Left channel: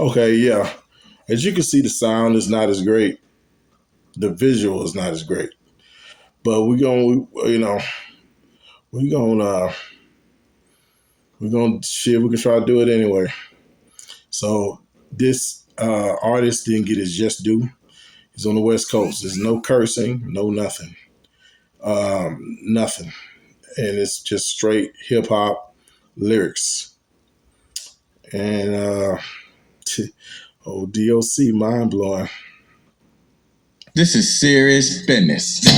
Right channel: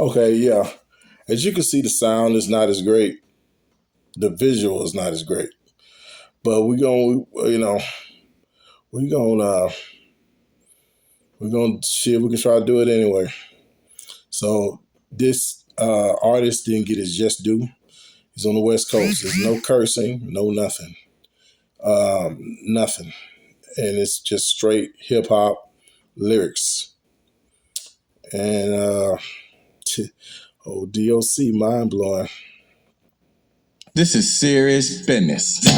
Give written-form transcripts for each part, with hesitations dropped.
Okay, yeah. As you can see, the sound is not as great. The visual is not as great. But we gonna we're gonna shit. We can try to do it anyway. So this artist didn't get his just due. He's on the West Coast. There's no cursing, no nothing, nothing, and it's just straight hip hop lyrics. And oh, DOC, mind blowing. This is serious business. Y'all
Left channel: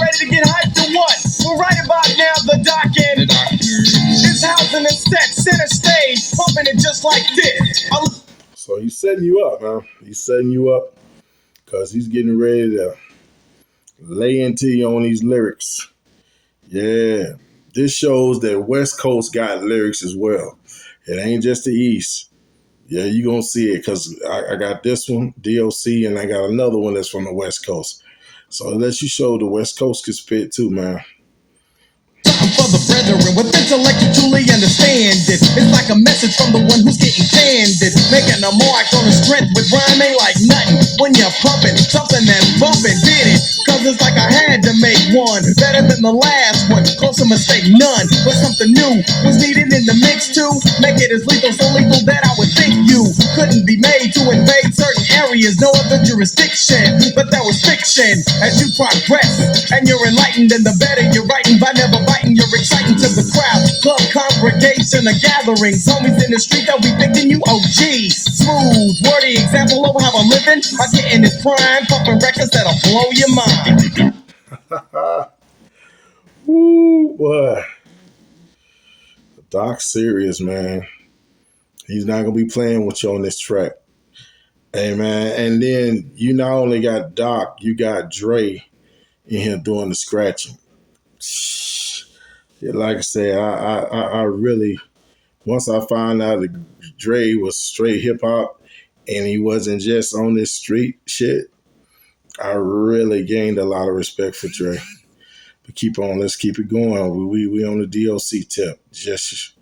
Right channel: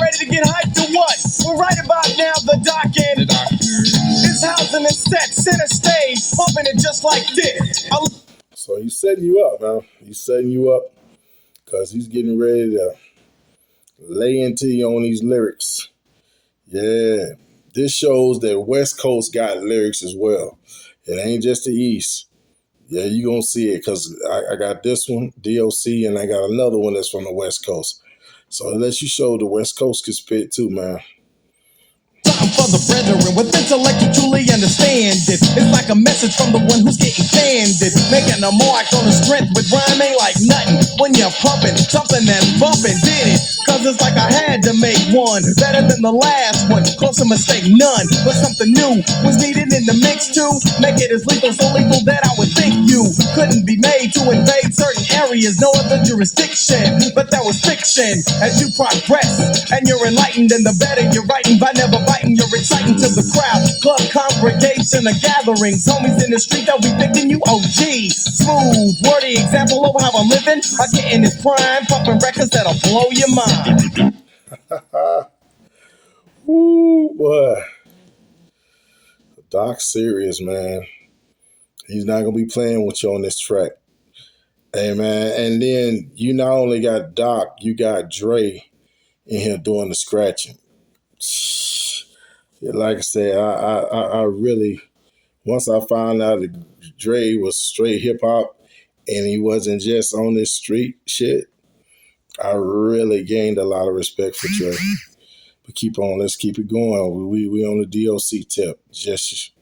ready to get hyped or what? Well, right about now, the doc in his housing is set, center stage, pumping it just like this. So he's setting you up, man. He's setting you up because he's getting ready to lay into you on these lyrics. Yeah, this shows that West Coast got lyrics as well. It ain't just the East. Yeah, you gonna see it because I got this one, DOC, and I got another one that's from the West Coast. So it lets you show the West Coast can spit too, man. For the brethren with intellect to truly understand it. It's like a message from the one who's getting candid. Making a mark on the strength with rhyming like nothing. When you're pumping, something that bumping did it. Cause it's like I had to make one better than the last one. Close to mistake none. But something new was needed in the mix too. Make it as lethal, so lethal that I would think you couldn't be made to invade certain areas. No other jurisdiction. But that was fiction. As you progress and you're enlightened, and the better you're writing by never biting, you're exciting to the crowd. Club congregation or gatherings. Homies in the street, they'll be thinking you OG. Smooth, wordy example of how I'm living. I get in this prime, pumping records that'll blow your mind. Ooh, boy. Doc serious, man. He's not gonna be playing with you on this track. Hey, man, and then you not only got Doc, you got Dre in here doing the scratching. Like I said, I really, once I found out that Dre was straight hip hop and he wasn't just on this street shit, I really gained a lot of respect for Dre. But keep on, let's keep it going. We on the DOC tip. Just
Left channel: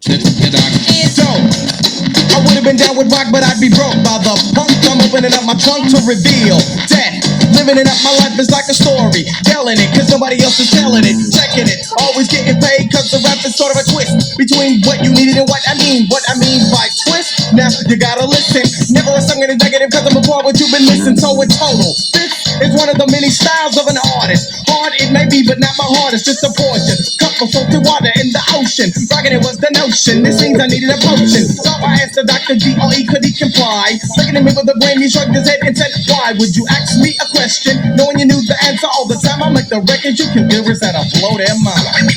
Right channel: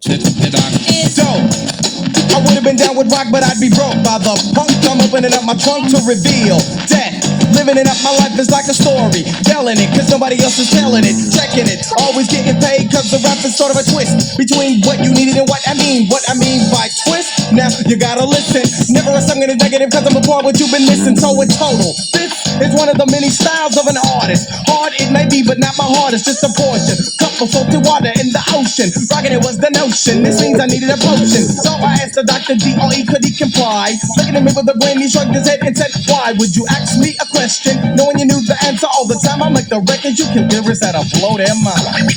So, I would have been down with rock, but I'd be broke by the punk. I'm opening up my trunk to reveal that living it up, my life is like a story. Telling it, cause nobody else is telling it. Checking it, always getting paid, cause the rap is sort of a twist between what you needed and what I mean. What I mean by twist, now you gotta listen. Never a song in a negative, cause I'm a part what you've been missing. So it's total. This is one of the many styles of an artist. Hard it may be, but not my heart, it's just a portion. Couple salty water in the ocean. Rocking it was the notion. This means I needed a potion. So I asked the Dr. D.R.E. could he comply? Looking at me with a grin, he shrugged his head and said, why would you ask me a question? Knowing you knew the answer all the time, I'll make the record you can hear is that'll blow their mind.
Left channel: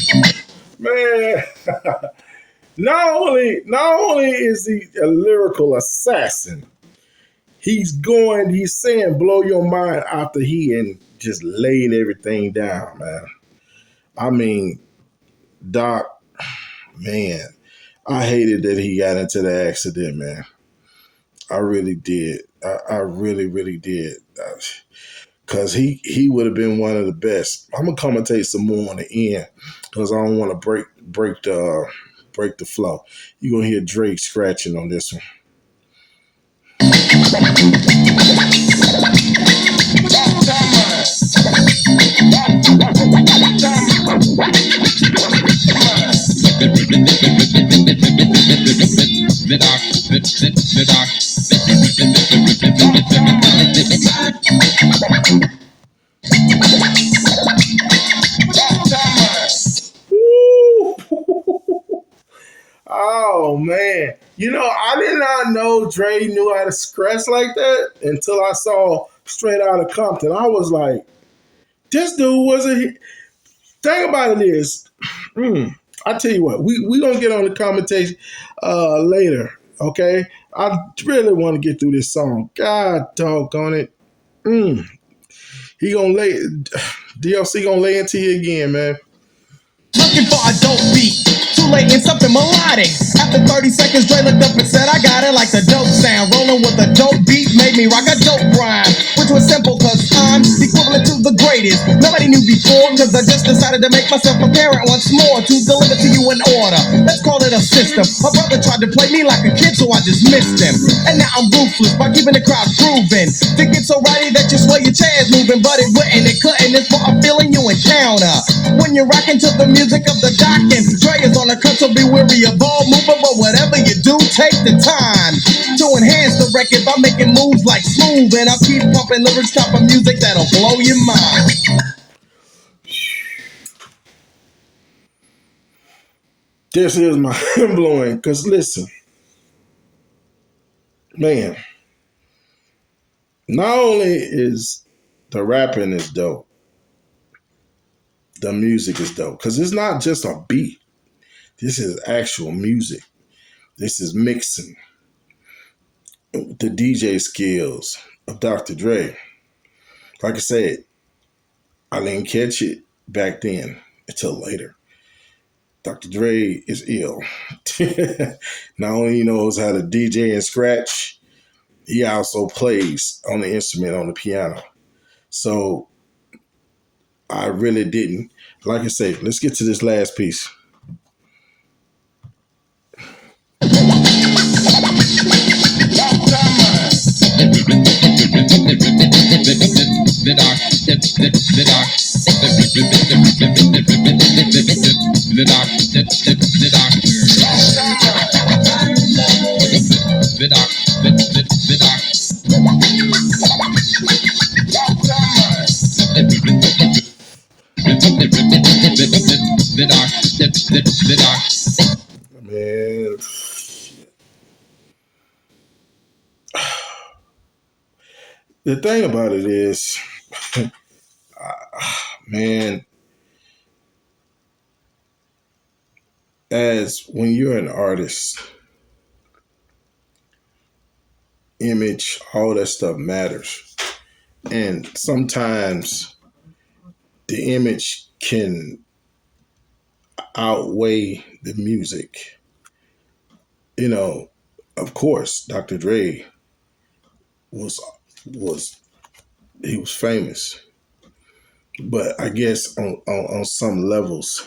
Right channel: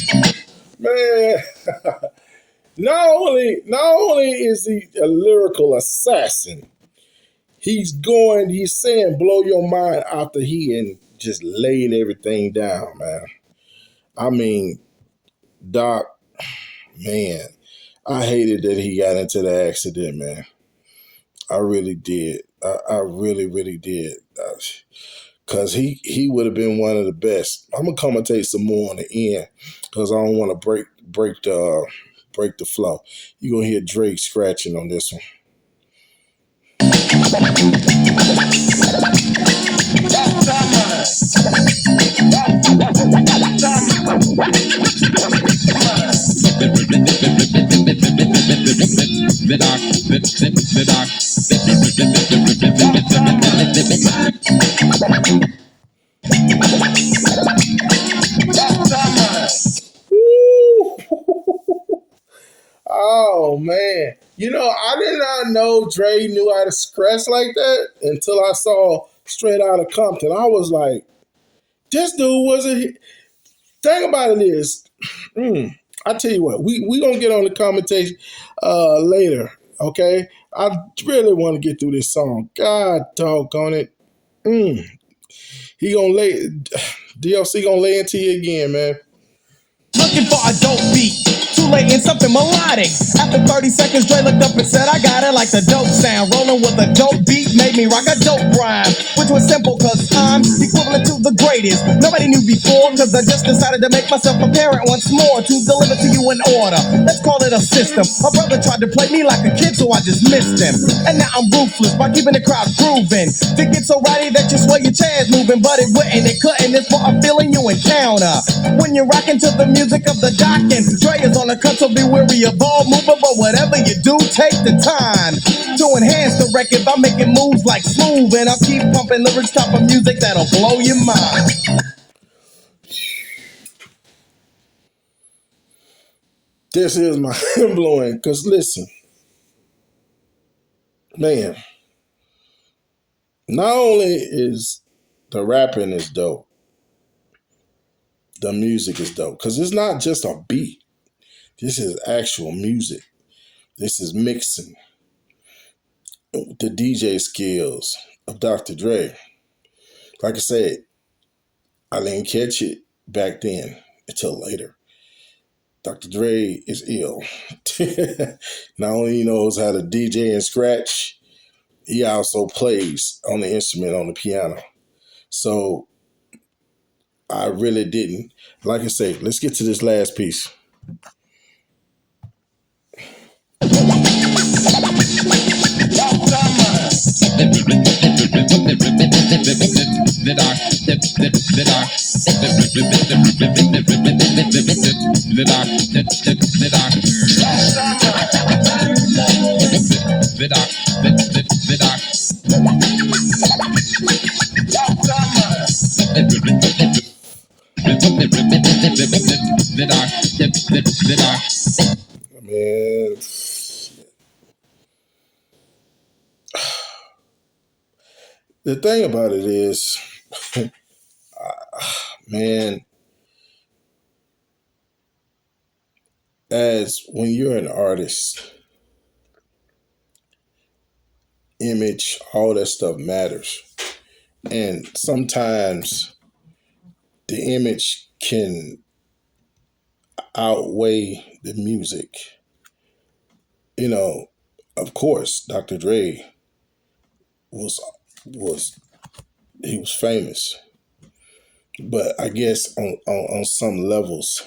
man. Not only is he a lyrical assassin, he's saying blow your mind after he and just laid everything down, man. I mean, Doc, man, I hated that he got into the accident, man. I really did. I really, really did. Cause he would have been one of the best. I'm gonna commentate some more on the end because I don't want to break the flow. You're gonna hear Drake scratching on this one. Oh man, I did not know Dre knew how to scratch like that until I saw Straight Outta Compton. I was like, this dude wasn't. Thing about it is, I tell you what, we gonna get on the commentation later, okay? I really want to get through this song. God doggone it. He gonna DLC gonna lay into you again, man. Looking for a dope beat, too late in something melodic. After 30 seconds, Dre looked up and said, I got it like the dope sound. Rolling with a dope beat made me rock a dope rhyme, which was simple cause I'm the myself a parent once more to deliver to you in order. Let's call it a system. My brother tried to play me like a kid, so I dismissed him. And now I'm ruthless by keeping the crowd grooving. To get so rowdy that you swear your chair's moving, but it wouldn't, it couldn't. It's for a feeling you encounter when you're rocking to the music of the dock. And Dre is on the cut, so be wary of all movement. But whatever you do, take the time to enhance the record by making moves like smooth. And I'll keep pumping lyrics, type of music that'll blow your mind. This is mind blowing. Cause listen, man, not only is the rapping is dope, the music is dope. Cause it's not just a beat. This is actual music. This is mixing. The DJ skills of Dr. Dre. Like I said, I didn't catch it back then until later. Dr. Dre is ill. Not only he knows how to DJ and scratch, he also plays on the instrument on the piano. So I really didn't. Like I said, let's get to this last piece. Man, the thing about it is, man, as when you're an artist, image, all that stuff matters. And sometimes the image can outweigh the music. You know, of course, Dr. Dre was he was famous. But I guess on some levels,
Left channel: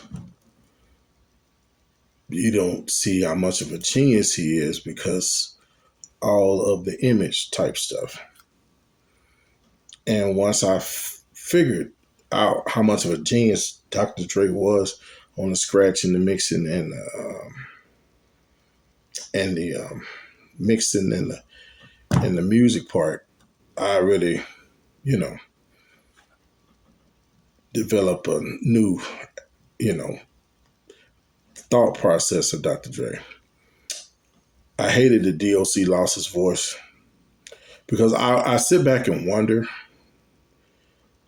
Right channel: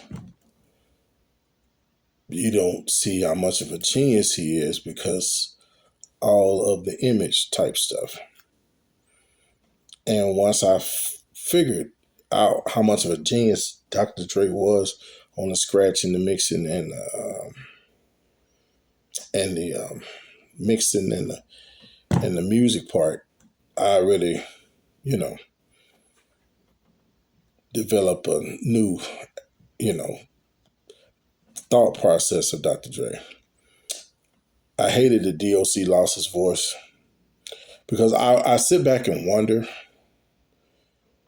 you don't see how much of a genius he is because all of the image type stuff. And once I figured out how much of a genius Dr. Dre was on the scratching, the mixing, and the mixing and the music part, I really, develop a new, thought process of Dr. Dre. I hated that DOC lost his voice because I sit back and wonder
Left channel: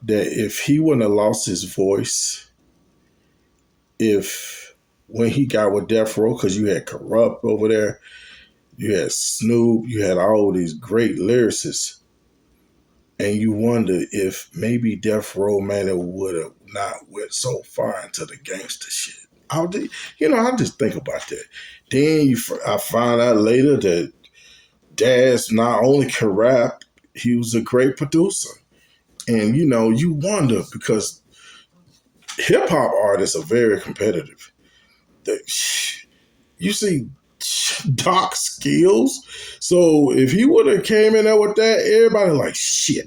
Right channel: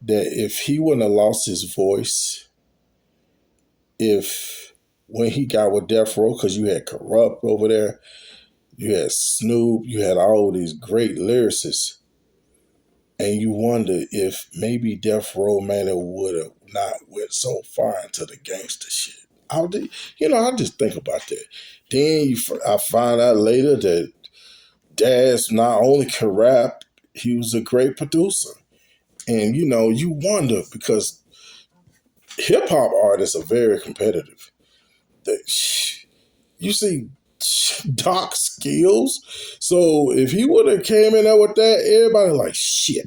that if he wouldn't have lost his voice, if when he got with Death Row, because you had Corrupt over there, you had Snoop, you had all these great lyricists, and you wonder if maybe Death Row man would have not went so far into the gangster shit. I just think about that. Then I found out later that Daz not only could rap, he was a great producer. And, you wonder because hip hop artists are very competitive. You see Doc skills. So if he would have came in there with that, everybody like, shit,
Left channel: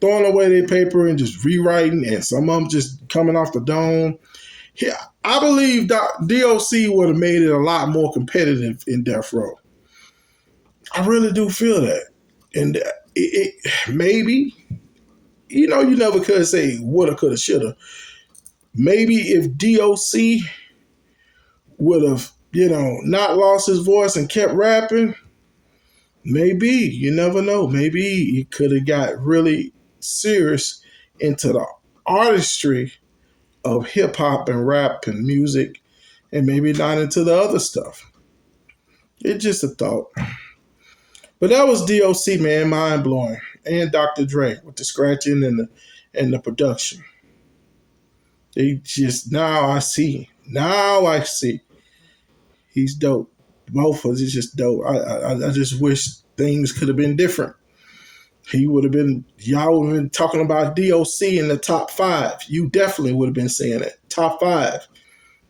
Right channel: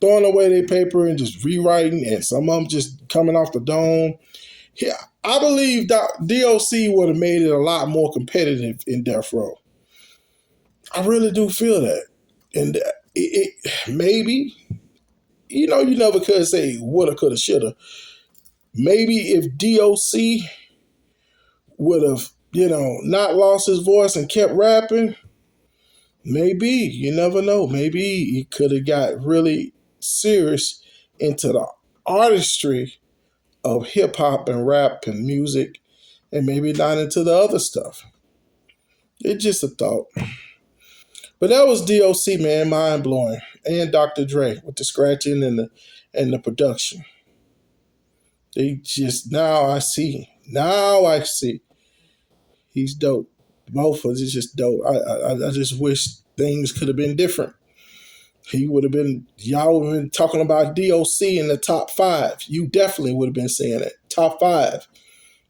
throwing away their paper and just rewriting, and some of them just coming off the dome. Yeah, I believe DOC would have made it a lot more competitive in Death Row. I really do feel that. And it maybe, you never could say woulda, coulda, shoulda. Maybe if DOC would have, not lost his voice and kept rapping, maybe, you never know. Maybe he could have got really serious into the artistry of hip hop and rap and music, and maybe not into the other stuff. It's just a thought. But that was DOC, man, mind blowing, and Dr. Dre with the scratching and the production. Now I see. He's dope. Both of us is just dope. I just wish things could have been different. He would have been, y'all would have been talking about DOC in the top 5. You definitely would have been saying it. Top 5.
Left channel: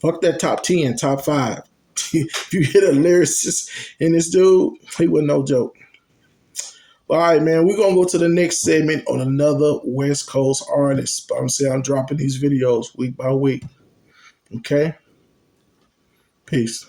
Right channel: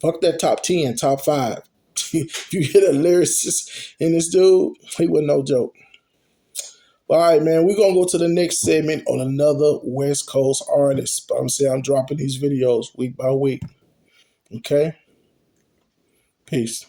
Fuck that top 10, top 5. If you hit a lyricist in this dude, he was no joke. All right, man, we're going to go to the next segment on another West Coast artist. I'm saying I'm dropping these videos week by week. Okay? Peace.